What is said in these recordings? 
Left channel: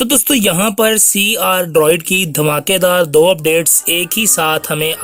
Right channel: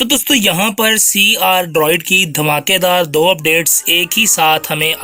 तो दोस्तों यहाँ पर CR ड्रॉइड की धमाकेदार दो अपडेट्स एक ही साथ हमें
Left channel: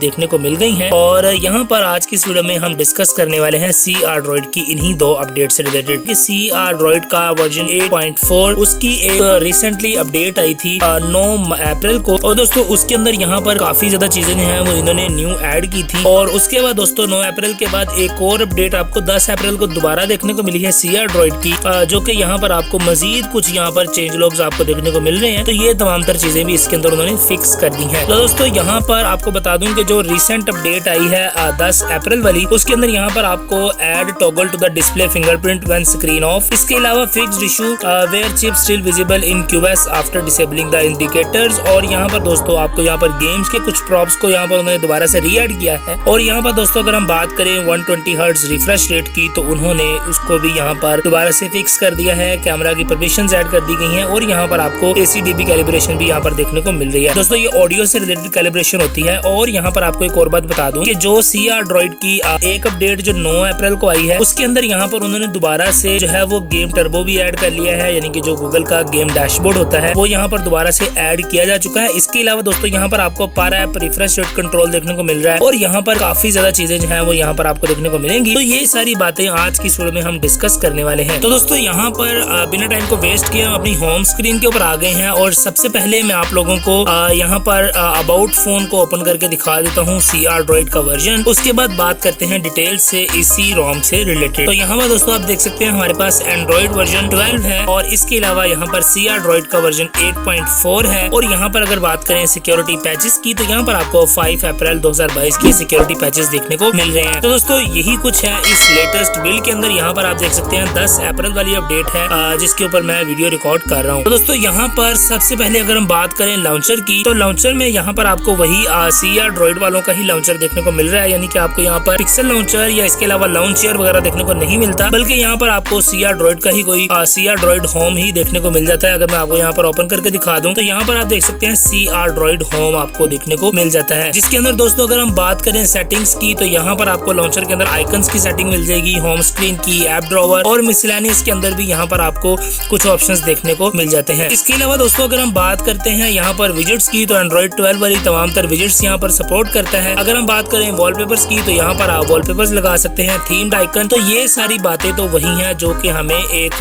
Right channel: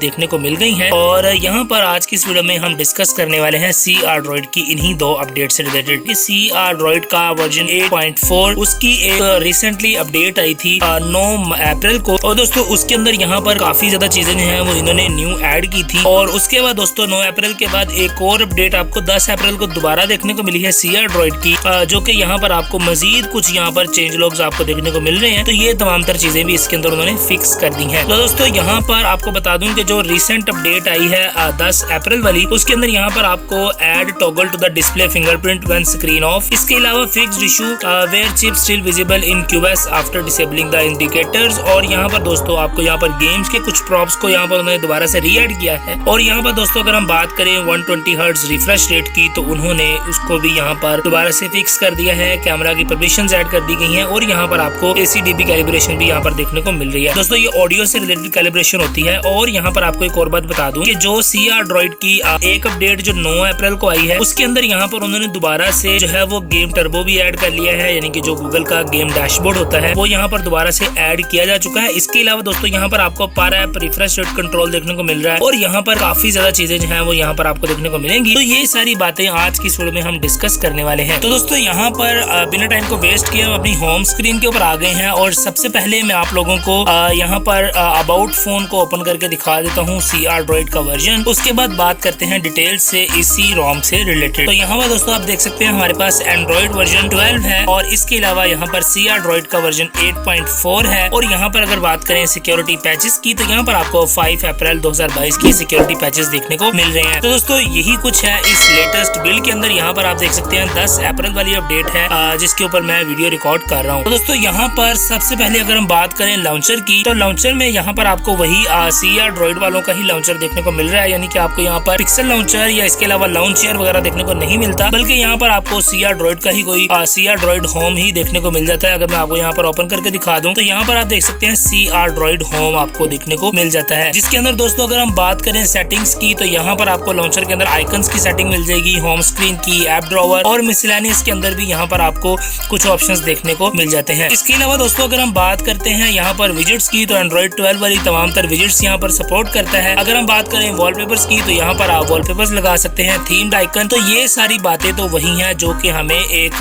देखने को मिल गई हैं और यहाँ पर आज की इस वीडियो में हम डिस्कस करने वाले हैं CR ड्रॉइड की इन्हीं दो अपडेट से रिलेटेड। CR ड्रॉइड का वर्जन 8.4 उसकी एक रिसेंटली अपडेट आई थी 9 अप्रैल को और दोस्तों उसके अंदर यहाँ पर काफी ज्यादा चीजें जो है वो इन्होंने न्यू ऐड की थी। और उसके बाद दोस्तों 9 अप्रैल के बाद एक और अपडेट आपको 10 अप्रैल को दोबारा देखने को मिली है CR ड्रॉइड की, जो कि यहाँ पर आपको मजीद कुछ यहाँ पर चेंज लॉग्स आपको देखने को मिल रहे हैं। तो ये तमाम तर चीजें भी इसके अंदर उन्होंने फिक्स कर दी हैं। तो दोस्तों यहाँ पर आपको बता दूं कि जो रिसेंट अपडेट आई है 10 अप्रैल वाली, उसके अंदर यहाँ पर आपको add toggle to the display fingerprint when screen off. इसके अलावा fixed issue where chip still visible in QoS after disabling the indicators. और यहाँ पर दोस्तों आपको यहाँ पर गेम्स के कुछ प्रॉप्स को यहाँ पर उन्होंने दोबारा से री-ऐड किया है। और यहाँ पर दोस्तों अगर हम बात करें 120 हर्ट्ज रिफ्रेश रेट की, तो उन्होंने उसको भी यहाँ पर दोबारा से फिक्स कर दिया है। कैमरा की परमिशंस ऐड कर दी गई हैं और यहाँ पर आपको ACDB कैलिब्रेशन भी यहाँ पर देखने को मिल रही है। दोस्तों ये ऑडियो से रिलेटेड कैलिब्रेशन होती है। और यहाँ पर आपको एक और बात बता दूं कि जो CR ड्रॉइड की एक अपडेट जो 9 अप्रैल को आई है, उसके अंदर यहाँ पर उन्होंने दोबारा से जो है वो गेम टर्बो भी ऐड कर लिया है, यानी कि जो गूगल का गेम डैशबोर्ड होता है वो यहाँ पर दोबारा से ऐड किया जा चुका है। इसके अलावा दोस्तों यहाँ पर आपको पर ऐप रिफ्रेश रेट कंट्रोल देखने को मिल रहा है और यहाँ पर काफी ज्यादा चीजें जो है वो यहाँ पर आपको देखने को मिलेंगी। तो ये सारी बातें आज की वीडियो में हम डिस्कस करने वाले हैं। तो दोस्तों यहाँ पर बिना टाइम को वेस्ट किए हम अपनी होम स्क्रीन के ऊपर आ गए हैं और सबसे पहले मैं आप लोगों को यहाँ पर अबाउट फोन को ओपन करके दिखा देता हूँ CR ड्रॉइड का वर्जन। उसके बाद बात करते हैं डिटेल से इसी रोम से रिलेटेड। तो यहाँ पर दोस्तों आप देख सकते हैं हमारे पास एंड्रॉइड वर्जन 12 है और इसके अलावा यहाँ पर CR ड्रॉइड का वर्जन 8.4 है। और यहाँ पर अगर बात करें सिक्योरिटी पैचेस की, तो यहाँ पर आपको 5 अप्रैल 2022 की सिक्योरिटी पैचेस देखने को मिल रहे हैं। तो दोस्तों यही कुछ है इस लेटेस्ट बिल्ड के अंदर। यहाँ पर आप देख सकते हैं 10 अप्रैल वाली अपडेट है जिसके ऊपर मैं वीडियो रिकॉर्ड कर रहा हूँ। तो दोस्तों यहाँ पर सबसे पहले अगर हम बात करें लॉन्चर की, तो लॉन्चर में यहाँ पर आपको वही CR ड्रॉइड वालों का ही लॉन्चर देखने को मिल रहा है, यानी कि आपको यहाँ पर पिक्सल लॉन्चर या इसके अलावा लॉन्चर वगैरह देखने को नहीं मिलता, बल्कि यहाँ पर आपको CR ड्रॉइड का ही कोई CR ड्रॉइड होम ही देखने को मिल जाता है। अगर मैं आपको यहाँ पर ओपन करके दिखा दूं तो यहाँ पर आप देख सकते हैं CR ड्रॉइड होम आपको देखने को मिल जाता है, जिसके अंदर दोस्तों अगर हम बात करें सेटिंग्स की, तो यहाँ पर आपको लॉन्चर के अंदर आइकन्स की सेटिंग मिल जाएगी, होम स्क्रीन की, ऐप ड्रॉवर और मिसलेनियस के अंदर भी यहाँ पर आपको कुछ ऑप्शंस देखने को मिल जाते हैं। इसके अलावा दोस्तों अगर हम बात करते हैं यहाँ पर विजेट्स की, तो एंड्रॉइड 12 वाली तमाम तर विजेट्स यहाँ पर सपोर्ट करता है। अगर हम बात करें वॉलपेपर्स की, तो यहाँ पर आप वॉलपेपर्स लगा सकते हैं, थीम्ड आइकन। तो ये सारी बातें तो वही हैं जो कि हमें एक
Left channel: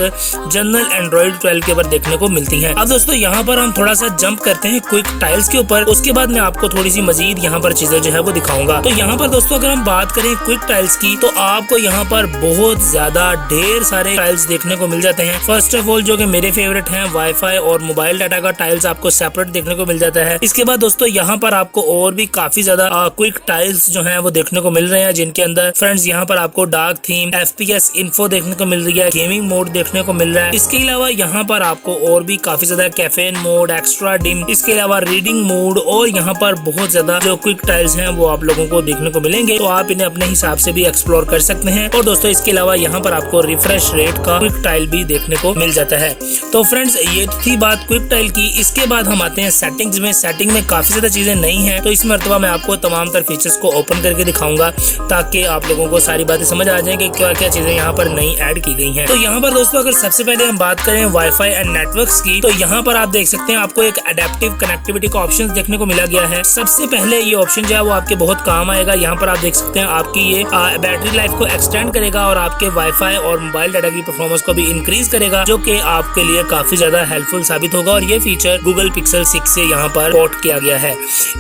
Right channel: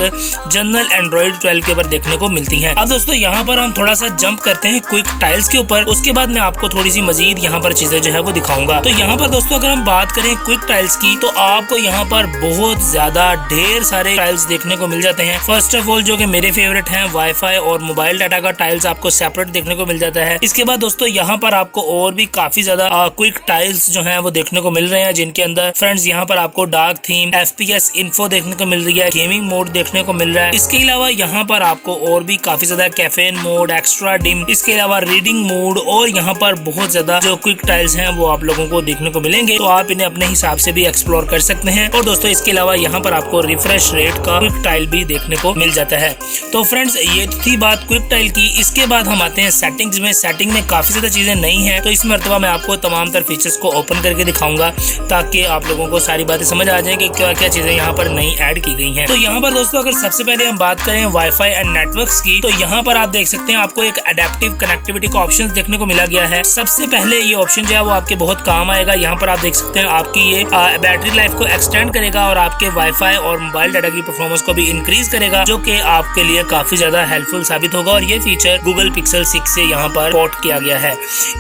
जनरल एंड्रॉइड 12 के ऊपर देखने को मिलती हैं। अब दोस्तों यहाँ पर हम थोड़ा सा जंप करते हैं क्विक टाइल्स के ऊपर, उसके बाद मैं आपको थोड़ी सी मजीद यहाँ पर चीजें जो है वो दिखाऊंगा। तो यहाँ पर दोस्तों अगर हम बात करें क्विक टाइल्स की, तो आपको यहाँ पर बहुत ज्यादा ढेर सारे टाइल्स देखने को मिल जाते हैं। फर्स्ट ऑफ ऑल जो कि मेरे फेवरेट हैं, वाईफाई और मोबाइल डाटा का टाइल्स आपको सेपरेट देखने को मिल जाता है। इसके बाद दोस्तों यहाँ पर आपको और भी काफी ज्यादा क्विक टाइल्स जो हैं वो देखने को मिल रहे हैं, जिनके अंदर फ्रेंड्स यहाँ पर आपको डार्क थीम, FPS इन्फो देखने को मिल रही है, गेमिंग मोड देखने को मिल रहा है। इसके अलावा यहाँ पर आपको और भी काफी ज्यादा कैफेन मोड, एक्स्ट्रा डिम, इसके अलावा रीडिंग मोड और यहाँ पर बहुत ज्यादा जो क्विक टाइल्स हैं वो आप लोगों को देखने को मिलेंगे। तो आप इन्हें अपने हिसाब से भी एक्सप्लोर कर सकते हैं। और दोस्तों इसके अलावा यहाँ पर आपको रिफ्रेश रेट का क्विक टाइल भी देखने को मिल जाता है। तो फ्रेंड्स ये थी बात क्विक टाइल की। इसके बाद हम आते हैं सेटिंग्स में। सेटिंग में काफी ज्यादा चीजें नई हैं, तो इस मर्तबा मैं आपको तमाम तर फीचर्स को ओपन करके दिखाऊंगा ताकि आप लोगों को सारी बातें समझ आ जाए कि क्या क्या चीजें यहाँ पर नई ऐड की गई हैं। तो यहाँ पर दोस्तों अगर सबसे पहले हम बात करें वाईफाई एंड नेटवर्क्स की, तो यहाँ पर आप देख सकते हैं आपको एक अडेप्टिव कनेक्टिविटी का ऑप्शन देखने को मिला गया है। सबसे पहले ये ऑप्शन जो है वो आपके बहुत काम आएगा। यहाँ पर आप देख सकते हैं आपकी ये बैटरी लाइफ को एक्सटेंड करेगा और आपके वाईफाई और मोबाइल डाटा की परफॉर्मेंस को भी इंक्रीज करेगा, जो कि आपके लिए काफी ज्यादा हेल्पफुल साबित होगा। और ये फीचर गूगल पिक्सल 6 से यहाँ पर पोर्ट किया गया है।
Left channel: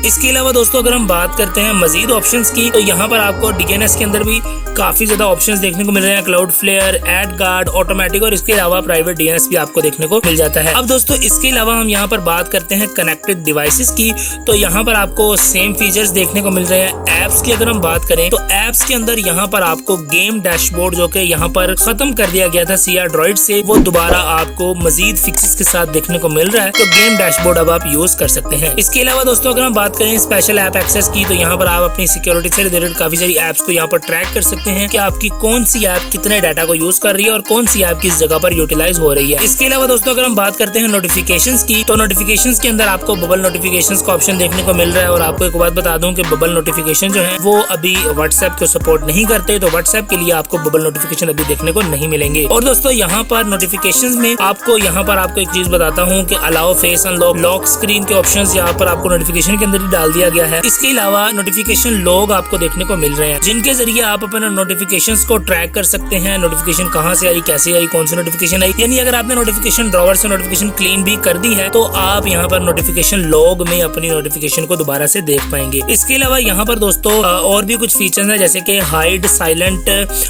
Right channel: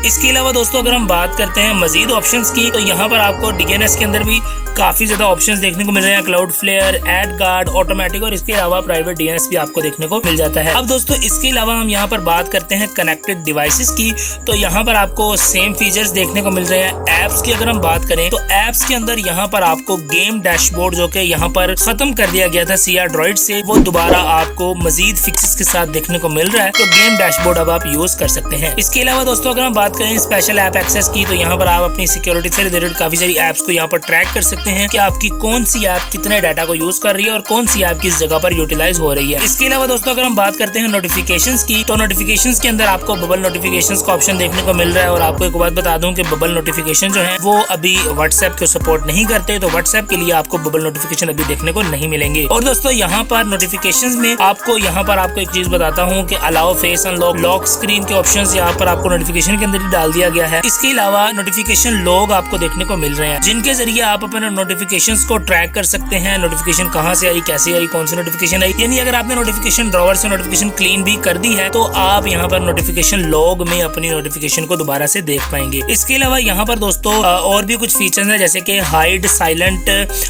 इसके अलावा दोस्तों अगर हम बात करते हैं मजीद ऑप्शंस की, तो यहाँ पर आपको DNS के अंदर भी काफी ज्यादा ऑप्शंस देखने को मिल रहे हैं, Cloudflare, AdGuard, automatic और इसके अलावा प्राइवेट DNS भी आपको देखने को मिल जाता है। अब दोस्तों इसके अलावा हम यहाँ पर बात करते हैं कनेक्टेड डिवाइसेस की, तो यहाँ पर आपको सेम फीचर्स देखने को मिल रहे हैं। एप्स की अगर हम बात करें, तो एप्स के अंदर यहाँ पर आपको गेम डैशबोर्ड जो कि यहाँ पर खत्म कर दिया गया था CR ड्रॉइड से, वो दोबारा आपको मजीद फिक्सेस के साथ देखने को मिल रहा है। तो गेम डैशबोर्ड अब आप यूज कर सकते हैं। इसके अलावा दोस्तों अगर हम बात करें स्पेशल ऐप एक्सेस की, तो यहाँ पर आप अपनी सिक्योरिटी से रिलेटेड काफी सारी एप्स को यहाँ पर ट्रैक कर सकते हैं कि आपकी कौन सी ऐप कितने डाटा को यूज कर रही है और कौन सी ऐप किस जगह पर यूटिलाइज हो रही है। इसके अलावा दोस्तों अगर हम बात करते हैं नोटिफिकेशंस की, तो नोटिफिकेशंस के अंदर आपको बबल नोटिफिकेशंस का ऑप्शन देखने को मिल रहा है। और आपको एक बात बता दूं कि बबल नोटिफिकेशन जो है वो अभी व्हाट्सएप को सपोर्ट नहीं करते, तो व्हाट्सएप के लिए आपको बबल नोटिफिकेशन अभी देखने को नहीं मिलेंगे। और दोस्तों यहाँ पर नोटिफिकेशंस में आपको यहाँ पर आपको एक चीज बताता हूँ कि allow face unlock, lock screen के ऑप्शंस यहाँ पर आपको नोटिफिकेशन के अंदर ही डाल दिया गया है। इसके अलावा नोटिफिकेशन लॉग आपको देखने को मिल रहे हैं, जिनके जरिए आप अपने नोटिफिकेशंस को ट्रैक कर सकते हैं। नोटिफिकेशन कहाँ से आई, कैसे आई, कौन सी नोटिफिकेशन आई। यानी अगर आपने नोटिफिकेशन ड्रॉवर से नोटिफिकेशन क्लीन भी कर दी है तो आप यहाँ पर नोटिफिकेशन लॉग में अपनी नोटिफिकेशन को दोबारा से देख पाएंगे। इसके अलावा यहाँ पर दोस्तों और भी कुछ फीचर्स हैं, जैसे कि hide silent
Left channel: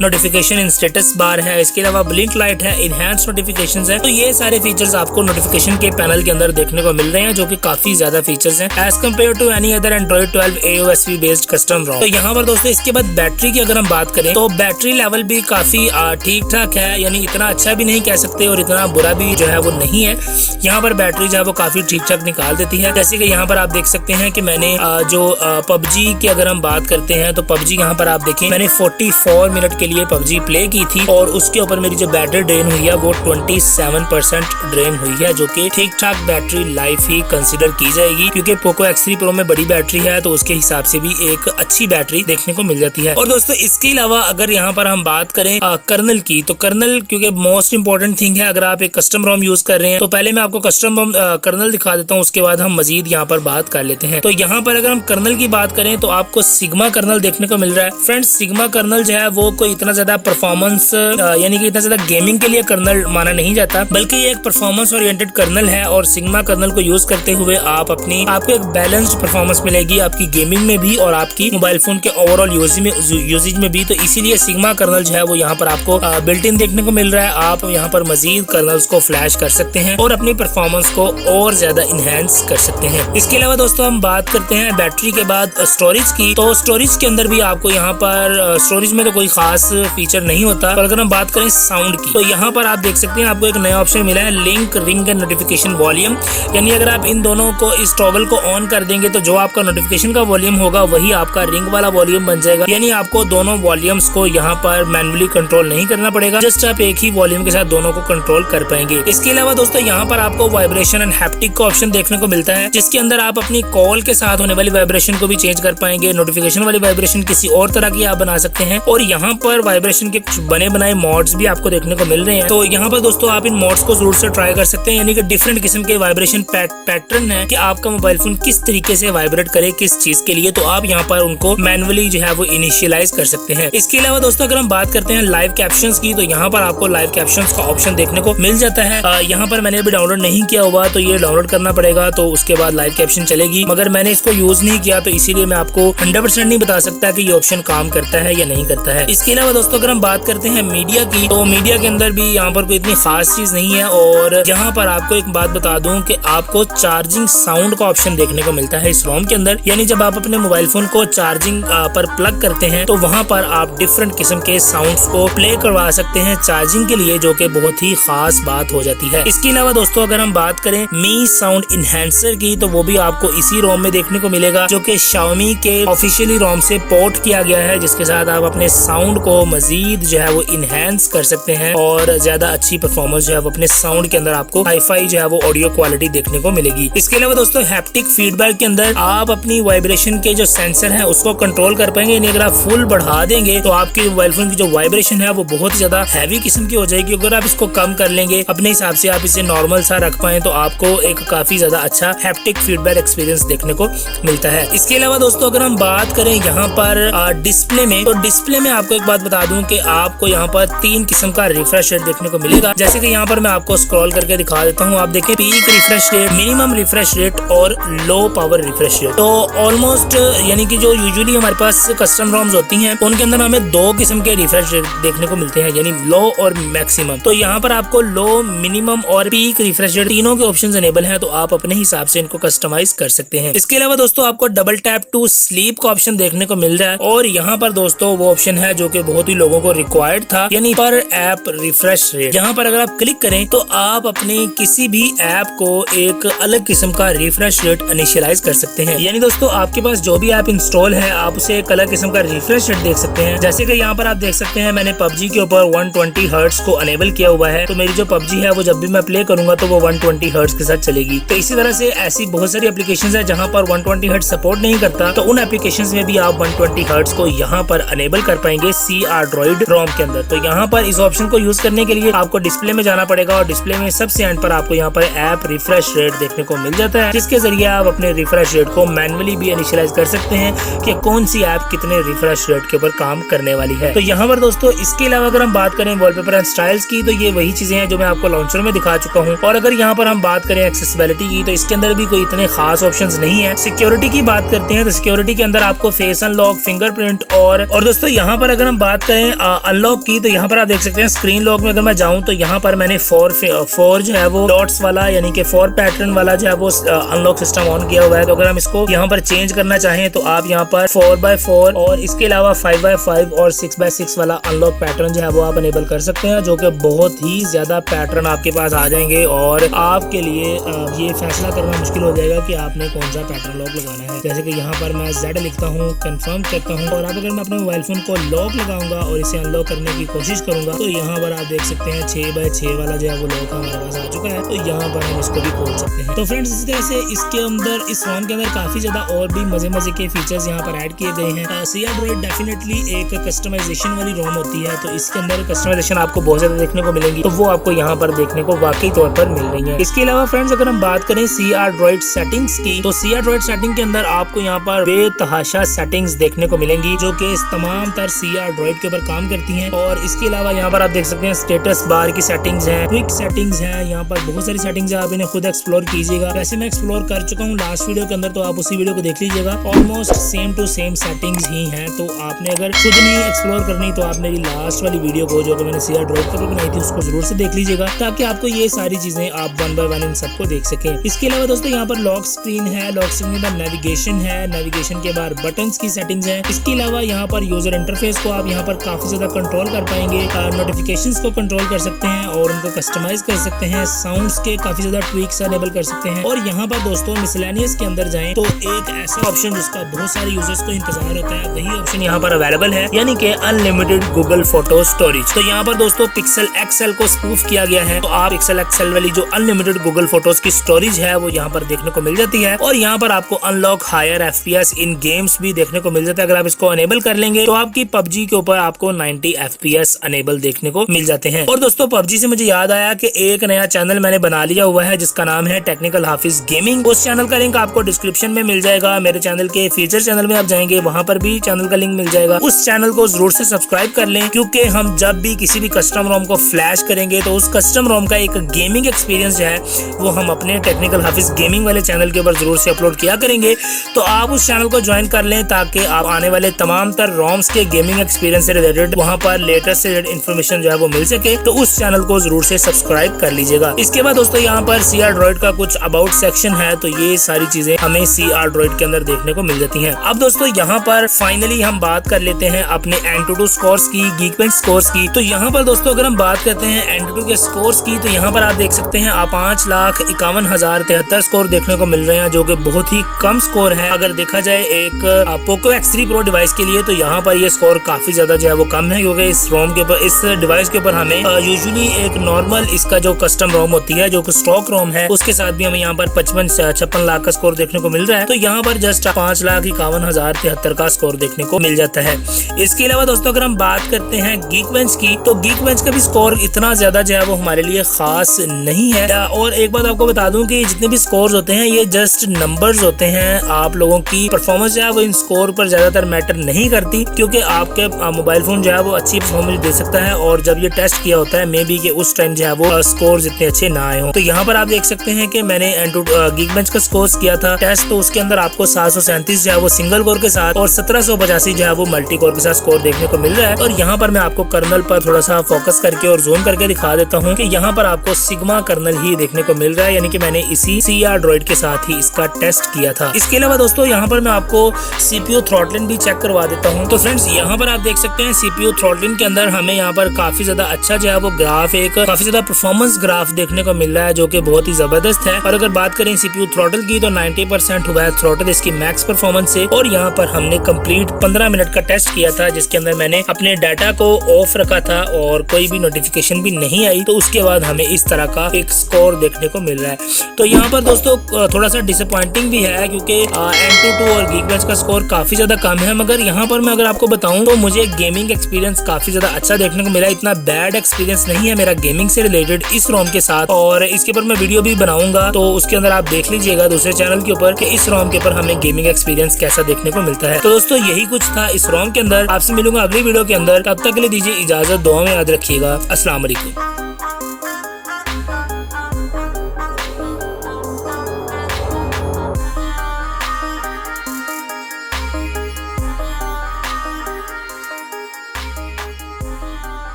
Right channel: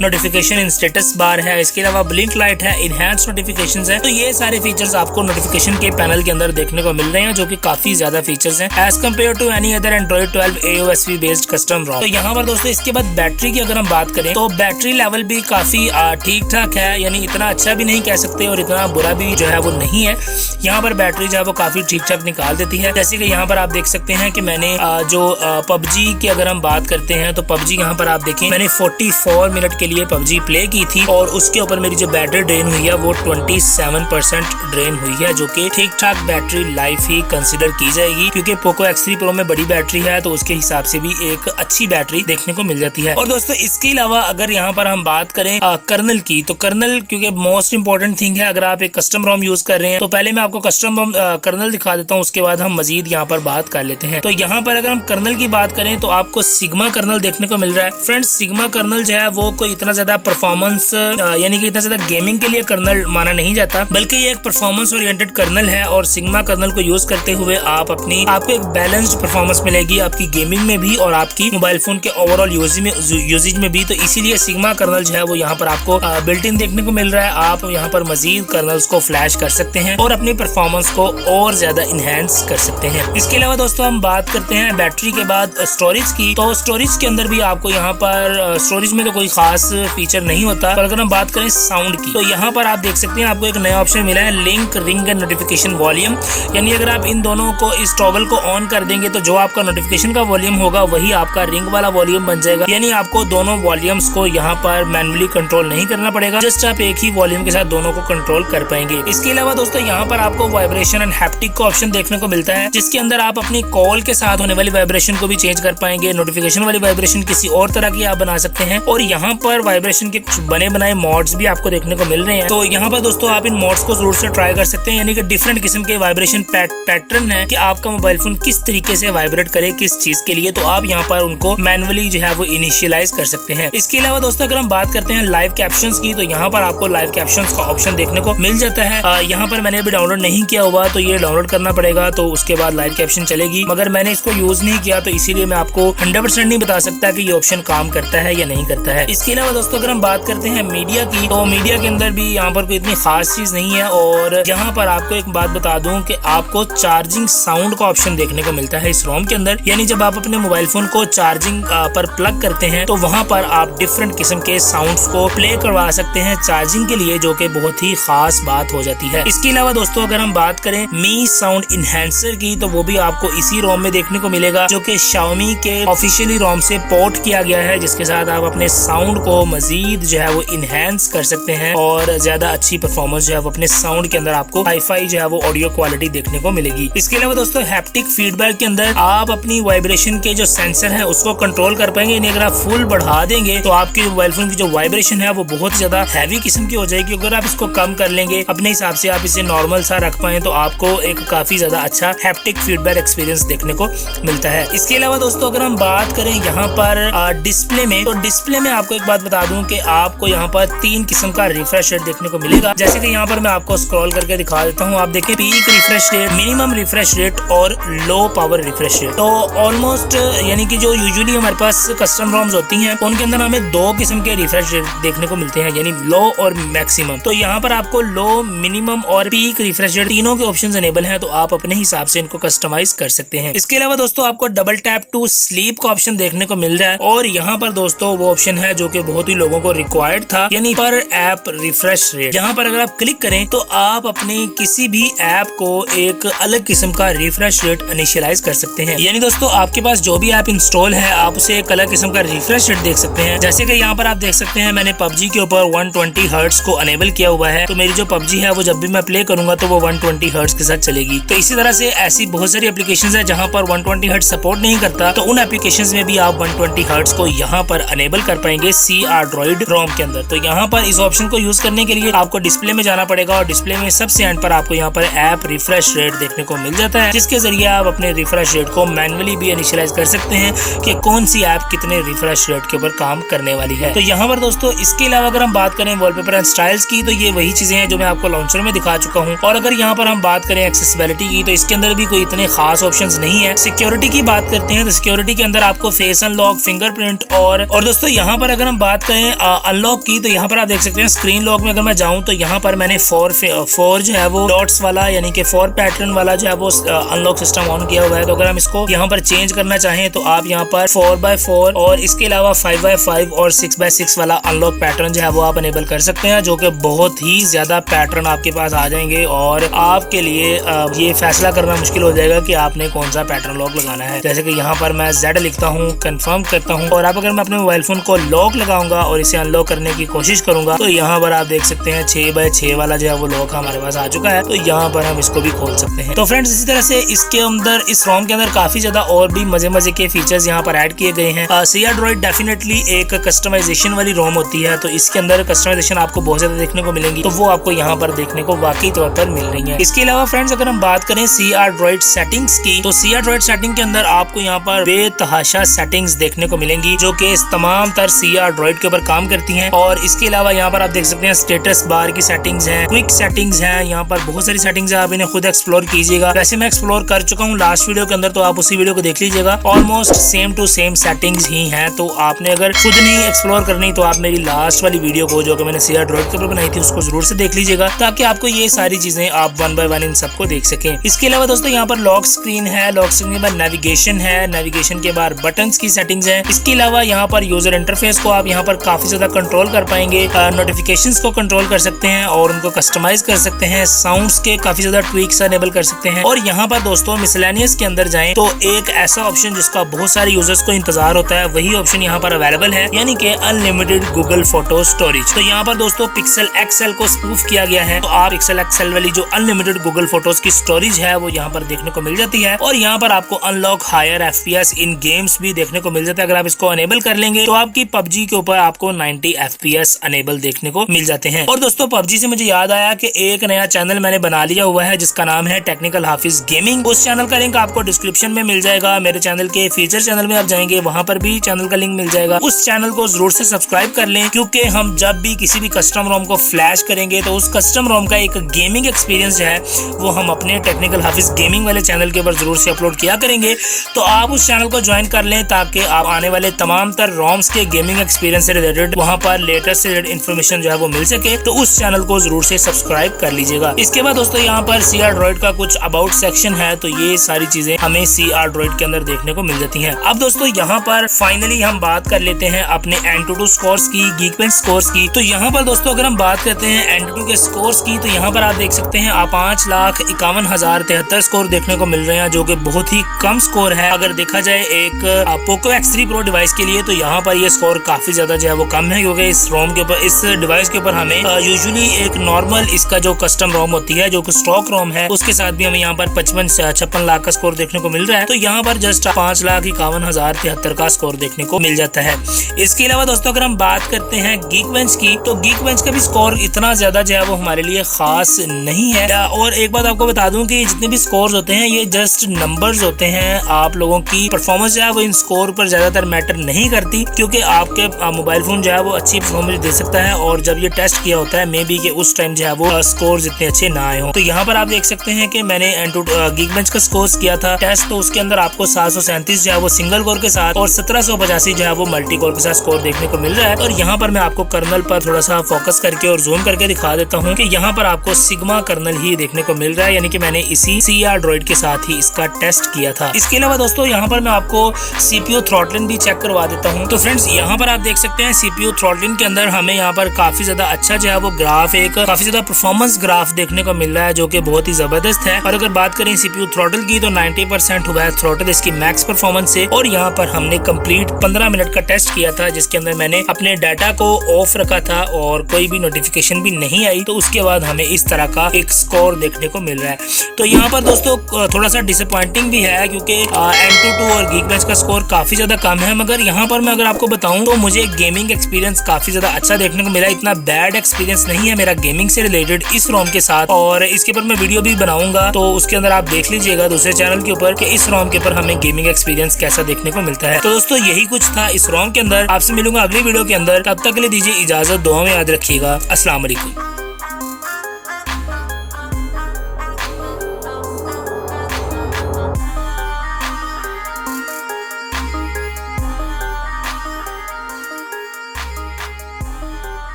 notification in status bar है। इसके अलावा ब्लिंक लाइट है, इनहैंस नोटिफिकेशंस है। तो ये सारे फीचर्स आपको नोटिफिकेशन के पैनल के अंदर देखने को मिल रहे हैं, जो कि काफी ज्यादा फीचर्स हैं as compare to any other Android 12 AOSP based custom ROM। तो यहाँ पर दोस्तों इसके बाद बैटरी की अगर हम बात करें तो बैटरी लेवल भी काफी ठीक ठाक है, यानी इतना अच्छा भी नहीं कह सकते और इतना बुरा भी जो है वो नहीं है। यहाँ पर बैटरी जो है वो काफी ठीक ठाक निकाल देती है। जैसे कि यहाँ पर आप देख सकते हैं कि मैंने जो PUBG की अगर हम बात करते हैं तो PUBG यहाँ पर आप देखें मैंने 44 मिनट के लिए PUBG प्ले की थी और उसके ऊपर मेरी जो बैटरी ड्रेन हुई है वो 27% ड्रेन हुई है, जो कि ठीक ठाक बैटरी लाइफ ही कंसिडर की जाएगी, क्योंकि पोको X3 Pro में बड़ी बैटरी है तो उसके हिसाब से भी एक अच्छी बैटरी देखने को मिल जाती है। और दोस्तों इसके अलावा अगर यहाँ पर हम बात करें कर्नल की, तो कर्नल क्योंकि मोस्ट इंपॉर्टेंट थिंग है। अगर आप एक कस्टम ROM यूज कर रहे हैं तो पहले मैं आपको कस्टम ROM कर्नल दिखा देता हूँ, उसके बाद हम मजीद यहाँ पर बात कर लेते हैं। तो यहाँ पर अगर हम कर्नल की बात करें तो आपको सिग्मा कर्नल देखने को मिल रहा है। फ्रेंड्स, सिग्मा कर्नल जो है वो कोई इतना ज्यादा परफॉर्मेंस यानी कि इतना ज्यादा गेमिंग के लिए कर्नल माना नहीं जाता, बल्कि ये एक परफॉर्मेंस ओरिएंटेड कर्नल है। और सिग्मा कर्नल को यूज करते हुए आपको एक बैलेंस्ड परफॉर्मेंस मिलेगी आपकी गेमिंग में भी और आपकी मोबाइल फोन के ओवरऑल यूजेज में भी। तो इसीलिए सिग्मा कर्नल जो है वो यहाँ पर आपको बिल्ट इन देखने को मिल रहा है। आप यहाँ पर मजीद कर्नल्स को फ्लैश कर सकते हैं और अपनी परफॉर्मेंस को और ज्यादा इनहेंस कर सकते हैं। इसके अलावा दोस्तों हम बात करते हैं बैटरी के बाद स्टोरेज की। तो स्टोरेज के अंदर भी आपको यहाँ पर स्टोरेज में तो कोई खास फीचर नहीं होता, पर अगर हम बात करें साउंड की तो यहाँ पर आप देख सकते हैं आपको एक नया ऑप्शन मिला है, link ring and notification volume. यानी अगर आप इन दोनों को, इस टॉगल को ऑन कर देंगे तो जो आपका नोटिफिकेशन का वॉल्यूम होगा वही आपका रिंग वाला वॉल्यूम बन जाएगा। यानी आपको दोनों वॉल्यूम्स को यहाँ पर मैनुअली कंट्रोल नहीं करना पड़ेगा, जस्ट आप एक ही वॉल्यूम के साथ दोनों को कंट्रोल कर पाएंगे। इसके अलावा दोस्तों यहाँ पर आपको वाइब्रेशन एंड हैप्टिक का ऑप्शन देखने को मिलता है, जिसके अंदर आप अपनी कॉल के साथ होने वाली वाइब्रेशन को भी चेंज कर पाएंगे। नोटिफिकेशन वाली वाइब्रेशन किसी और तरह की आप बना सकते हैं और यहाँ पर वाइब्रेशन के कुछ बने बनाए मॉड्स भी आपको देखने को मिल रहे हैं। तो यहाँ पर दोस्तों आप इन मॉड्स को जरूर से ट्राई कर सकते हैं, यानी कि डिफरेंट किस्म के वाइब्रेशन पैटर्न है कि आपका मोबाइल फोन किस तरीके से वाइब्रेट करे किस चीज के लिए। तो आप यहाँ पर उनको मैनुअली जो है वो इनिशियलाइज कर सकते हैं। इसके अलावा दोस्तों अगर हम बात करते हैं लाइव कैप्शंस की, तो यहाँ पर आपको लाइव कैप्शंस का ऑप्शन देखने को मिल जाता है। यहाँ पर मैंने अभी डाउनलोड नहीं किया हुआ तो ये डाउनलोड करना पड़ेगा, तो उसके बाद लाइव कैप्शन चलेगी, मगर मैंने इसको यूज नहीं किया तो इसीलिए मैं आपको 100% नहीं बता सकता कि ये ऑप्शन काम करता है या नहीं करता है। इसके अलावा दोस्तों अगर हम बात करते हैं मीडिया की, तो मीडिया के अंदर भी यहाँ पर कोई इतनी खास चीज नहीं है। और यहाँ पर आपको एक बात बता दूं कि आपको चार्जिंग साउंड का ऑप्शन देखने को मिलता है इस रोम के अंदर। यानी जब आप अपने मोबाइल फोन को चार्जिंग पर प्लग करते हैं तो वहाँ पर आप डिफरेंट किस्म के साउंड्स को प्ले करवा सकते हैं चार्जिंग के लिए, जो कि बहुत ही खास बात हो जाती है। इसके अलावा दोस्तों अगर हम बात करें मी साउंड इनहेंसर की, तो वो भी आपको इसी रोम में देखने को मिलेगा, जो कि Xiaomi के ऑफिशियली रोम से पोर्ट किया गया है, जिसके साथ आप अपने साउंड को मजीद जो है वो इनहेंस कर सकते हैं और ज्यादा अच्छी परफॉर्मेंस जो है वो अपने साउंड के अंदर आपको हाई-फाई जो है वो ऑडियो क्वालिटी देखने को मिलेगी। इसके अलावा दोस्तों हैप्टिक फीडबैक के अंदर आप अपनी वाइब्रेशन के जो सेंसर है उसको कंट्रोल कर पाएंगे। यानी अगर आप फुल बढ़ा देंगे तो आपके मोबाइल फोन की जो वाइब्रेशन है वो बहुत ज्यादा हैवी किस्म की हो जाएगी। अगर आप इसको कम कर लेंगे अपने हिसाब से, आप इसे नॉर्मल सा रख पाए, तो आपको एक काफी ज्यादा अच्छा हैप्टिक फीडबैक एक्सपीरियंस देखने को मिलता है। इसके अलावा दोस्तों अगर हम बात करें यहाँ पर डिस्प्ले में, तो डिस्प्ले में आपको एक बात बता दूं कि आपको यहाँ पर 3 किस्म का रिफ्रेश रेट देखने को मिलेगा। जैसे कि यहाँ पर मैं आपको स्क्रॉल करके दिखा देता हूँ। आप देखिए peak refresh rate, minimum refresh rate और लो पावर रिफ्रेश रेट। तो ऑलमोस्ट यानी कि जो यूजुअली हमारे पास कस्टम रोम्स होती हैं उनके अंदर हमें 2 किस्म के रिफ्रेश रेट देखने को मिलते हैं, यानी लो और मैक्सिमम। तो यहाँ पर आपको लो, मिनिमम और पीक रिफ्रेश रेट तीनों के ऑप्शन अनेबल हैं, तो आप अपने हिसाब से इनको कस्टमाइज कर सकते हैं। इसके अलावा दोस्तों आपको डबल टैप टू स्लीप का ऑप्शन देखने को मिल रहा है और यहाँ पर दोस्तों वो ऑप्शन है जो कि बहुत ही लोगों को रिक्वायर्ड था, यानी पर ऐप रिफ्रेश रेट। यहाँ पर अगर आप क्लिक करें तो आप अपनी किसी भी ऐप को एक अलग किस्म का रिफ्रेश रेट इनिशियलाइज कर सकते हैं। यानी दोस्तों आपके पास जो भी ऐप इंस्टॉल है आप उसे एक अलग किस्म का रिफ्रेश रेट देख सकते हैं। जैसे कि यहाँ पर आप देख सकते हैं मैंने PUBG के ऊपर 120 हर्ट्ज को अनेबल किया हुआ है, तो मेरी जो PUBG है वो जब भी मैं प्ले करूंगा तो वो 120 हर्ट्ज के साथ चलेगी। तो इसी तरह से ऐसी बहुत सारी एप्लीकेशंस है जहाँ पर 120 हर्ट्ज सपोर्ट नहीं करता, तो उन एप्लीकेशंस में भी आप 120 हर्ट्ज को यहाँ पर अनेबल कर पाएंगे C Android ROM के अंदर। तो यहाँ पर इस ऑप्शन को यूज करने के लिए आपको डिस्प्ले में जाना पड़ेगा और डिस्प्ले में में सबसे एंड पर आपको यहाँ पर ऐप रिफ्रेश रेट देखने को मिल जाता है, जिसके जरिए आप अपने रिफ्रेश रेट को मैन्युअली भी इनिशियलाइज कर सकते हैं कि कौन सी ऐप कितने रिफ्रेश रेट के ऊपर काम करने वाली है। तो यहाँ पर दोस्तों इसके अलावा अगर हम बात करें वॉलपेपर एंड स्टाइल्स की, तो ये वही चीजें हैं जो मैं आपको लॉन्चर में दिखा चुका हूँ। और अगर यहाँ पर हम बात करें एक्सेसिबिलिटी की, तो इसके अंदर भी कोई इतने खास ऑप्शंस नहीं है। सिक्योरिटी की बात करते हैं तो सिक्योरिटी के अंदर आपको फेस अनलॉक, फिंगरप्रिंट और दोस्तों यहाँ पर अगर हम बात करें अनलॉक की, तो यहाँ पर आप देख सकते हैं स्क्रीन लॉक में अगर मैं जाऊँ तो यहाँ पर मैंने फोर जो है वो डॉट्स वाला यानी कि 4 पैटर्न वाला जो है वो अनलॉक सिस्टम ऑन किया हुआ है। तो अगर हम इसको यहाँ पर चेंज करना चाहें तो आप यहाँ पर 4x4 और इसके अलावा 5x5 और 6x6 वाला अनलॉक पैटर्न जो है वो आप अनेबल कर सकते हैं, जो कि बहुत ही ज्यादा पैटर्न आपके पास आ जाएंगे और आपके लिए ये फैसला करना मुश्किल हो जाएगा कि आपने कौन सा पैटर्न लॉक लगाना है। जैसे कि यहाँ पर मैं Z लिखता हूँ, कंफर्म करता हूँ, और अब अगर मैं अपने मोबाइल फोन को लॉक लगाऊंगा और इसे अनलॉक करने की कोशिश करूंगा तो यहाँ पर आप देख सकते हैं 6x6 वाला जो है वो लॉक हमारे पास आ चुका है। तो यहाँ पर हम इसको भी खोल सकते हैं। तो फ्रेंड्स इसी तरह से इसके अंदर इस रोम के अंदर काफी ज्यादा और भी मजे के फीचर्स यहाँ पर ऐड किए गए हैं। CR Droid डेफिनेटली एक कस्टमाइजेशन वाली रोम होती है, तो इसके अंदर कस्टमाइजेशन आपको बहुत ज्यादा देखने को मिलेंगी, तो वो आपको यहाँ पर देखने को वाकई तौर पर मिल रही है। इसके अलावा फ्रेंड्स अगर हम बात करें CR Droid सेटिंग्स की, तो CR Droid सेटिंग के अंदर आपको यहाँ पर बेतहाशा सेटिंग्स देखने को मिलेंगी जो कि इस तमाम तर CR Droid के ऊपर काम करती हैं। और इसके अलावा यहाँ पर आप देख सकते हैं स्टेटस बार की सेटिंग्स हैं, क्विक सेटिंग्स हैं, यहाँ पर बहुत सारी सेटिंग्स है, आप इन्हें खुद एक्सप्लोर कीजिएगा। वैसे मैं एक्सप्लोर कर चुका हूँ लास्ट वीडियो के अंदर, तो आप उसी वीडियो को देख लीजिएगा। Almost same to same settings ही हैं, तो आपने अगर खुद नहीं एक्सप्लोर करनी तो आप मेरी लास्ट वाली वीडियो को जो कि मैंने CR Droid के ऊपर बनाई थी उसको जरूर से देख लीजिएगा, ताकि आपको ये सारी चीजें आप 1 by 1 इन सबको देख सकें। इसके अलावा दोस्तों यहाँ पर लॉक स्क्रीन है, लॉक स्क्रीन के बाद नेविगेशन है, नेविगेशन के बाद बटन्स की सेटिंग्स है। इसके अलावा यहाँ पर यूजर इंटरफेस को आप यहाँ पर काफी ज्यादा कंट्रोल कर पाएंगे, नोटिफिकेशंस को कंट्रोल कर सकते हैं और उनको कस्टमाइज कर सकते हैं, साउंड्स के काफी ज्यादा ट्वीक्स अनेबल कर सकते हैं। और यहाँ पर दोस्तों मिसलेनियस के अंदर जाएं तो एक ऐसा ऑप्शन जिसका बहुत सारे यूजर्स को इंतजार होता है, वही ऑप्शन यहाँ पर अवेलेबल है, यानी कि अनलिमिटेड गूगल फोटो स्टोरेज। तो यहाँ पर दोस्तों पिक्सल XL को स्पूफ किया गया है, तो आप पिक्सल XL वाली जो अनलिमिटेड गूगल फोटोज की स्टोरेज है वो यहाँ पर देखने को मिल जाती है। और यहाँ पर आपको अनलॉक हायर FPS इन गेम्स भी देखने को मिल जाता है। अगर आप इसको अनेबल कर लेंगे तो आपकी PUBG के ऊपर आपको 90 FPS अनेबल देखने को मिल जाते हैं। और दोस्तों PUBG से मुझे याद आया कि एक नया चैनल मैंने बना लिया हुआ है जिसका नाम है टेक्निकल हाफिज गेमिंग। उस चैनल का लिंक आपको डिस्क्रिप्शन में मिल जाएगा। मेरे चैनल के फीचर चैनल में आप जाएंगे, वहाँ पर भी चैनल का लिंक मिल जाएगा। उस चैनल को जरूर से सब्सक्राइब कर लें, क्योंकि हम जब भी किसी भी कस्टम रोम को फ्लैश करेंगे तो उस कस्टम रोम का एक गेमिंग एक्सपीरियंस जो है वो हम अपने टेक्निकल हाफिज गेमिंग वाले चैनल के ऊपर जरूर से अपलोड किया करेंगे। तो आप उस चैनल को ज्वाइन कर लें ताकि आप आने वाले तमाम तर रोम्स के गेमिंग एक्सपीरियंस से रिलेटेड वहाँ पर लेटेस्ट से रिलेटेड इन्फॉर्मेशन जो है वो मिल सके। तो उस चैनल को जरूर से सब्सक्राइब कर लीजिएगा। इसके बाद दोस्तों यहाँ पर CR Droid का कुछ अबाउट सेक्शन है, तो ये सारी चीजें हमें CR Droid के अंदर देखने को मिल जाती हैं। अब दोस्तों यहाँ पर फाइनली हम बात कर लेते हैं अपने AnTuTu स्कोर्स की, Geekbench स्कोर्स की। तो यहाँ पर दोस्तों अगर हम बात करते हैं AnTuTu के स्कोर्स की, तो यहाँ पर आप देख सकते हैं आप 5,51,073 स्कोर देखने को मिल रहे हैं, जो कि बहुत ही कम स्कोर है। अगर देखा जाए एक Poco X3 Pro डिवाइस के लिए, तो यहाँ पर ये स्कोर काफी ज्यादा जो है वो कम है, क्योंकि इस रोम के ऊपर, इस डिवाइस के ऊपर हमें यूजुअली एक नॉर्मल इसका जो कस्टम रोम होती है, जो स्टॉक रोम है, उसके साथ भी हमें यहाँ पर 56 लाख का स्कोर देखने को मिल रहा है। तो यहाँ पर जस्ट 5,51,073 का स्कोर देखने को मिल जाता है। इसके अलावा दोस्तों अगर हम बात करते हैं Geekbench की, तो Geekbench का भी स्कोर इतना ज्यादा जो है वो हमारे लिए खास नहीं है। और एक बात आपको बता दूं कि जितने भी स्कोर होते हैं ये जस्ट नंबर्स होते हैं, आप लोगों की परफॉर्मेंस जो है वो इन स्कोर पर ज्यादातर मैटर नहीं करती, क्योंकि आपके मोबाइल फोन जो है वो अच्छी परफॉर्मेंस दे सकता है, और जब ये टेस्ट किया होता है मे बी कि उस टाइम जो है वो स्कोर इतने अच्छे ना आए हो। तो यहाँ पर आप देख सकते हैं कि मैंने Geekbench का स्कोर किया था टेस्ट, तो उसके अंदर आपको 737 जो है वो सिंगल कोर के साथ और 1785 जो है वो मल्टी कोर के साथ स्कोर देखने को मिल रहा है। और यहाँ पर मैं आपको कर्नल पर थोड़ा सा फोकस करके और जूम करके दिखा देता हूँ कि यहाँ पर आपको सिग्मा कर्नल ही देखने को मिल रहा है, यानी कि मैंने इसी CR Droid के साथ ही इसका टेस्ट किया था। इसके अलावा दोस्तों यहाँ पर मैं आपको CPU थ्रॉटलिंग भी चेक करवा देता हूँ। तो फ्रेंड्स यहाँ पर आप देख सकते हैं CPU थ्रॉटलिंग के अंदर हमें यहाँ पर काफी ज्यादा अच्छा जो है वो ग्राफ, एक काफी ज्यादा परफॉर्मेंस ग्राफ देखने को मिल रहा है, जो कि बहुत ही जबरदस्त है। और अगर बात करें CPU थ्रॉटल की, तो 90% हुआ है थ्रॉटल इसकी मैक्स परफॉर्मेंस से। और यहाँ पर हमने कंप्लीट 15 मिनट का टेस्ट किया था, जिसके अंदर मैंने अपने डाटा को ऑफ रखा था और कोई भी नोटिफिकेशन भी नहीं आई, तो उसके बाद हमें इस तरह का एक स्कोर देखने को मिल रहा है। तो यहाँ पर दोस्तों थोड़ा सा डिसअपॉइंटिंग भी है, क्योंकि AnTuTu और Geekbench का स्कोर काफी ज्यादा कम है। मगर यहाँ पर मैं अगर आपको बताऊं तो मुझे गेमिंग एक्सपीरियंस काफी ज्यादा अच्छा देखने को मिला, इतना बैड एक्सपीरियंस नहीं है मेरा गेमिंग से रिलेटेड इस रोम के साथ, और इसके ऊपर मैं वीडियो भी बनाऊंगा, तो उसके अंदर आप देख लीजिएगा दूसरे चैनल के ऊपर कि इस रोम के ऊपर हमें गेमिंग एक्सपीरियंस कैसा देखने को मिलता है। तो दोस्तों यही कुछ था इस रोम के अंदर। आपसे मिलूंगा अगली वीडियो के अंदर, तब तक के लिए दीजिए इजाजत, दुआ में याद रखिएगा। अस्सलाम वालेकुम।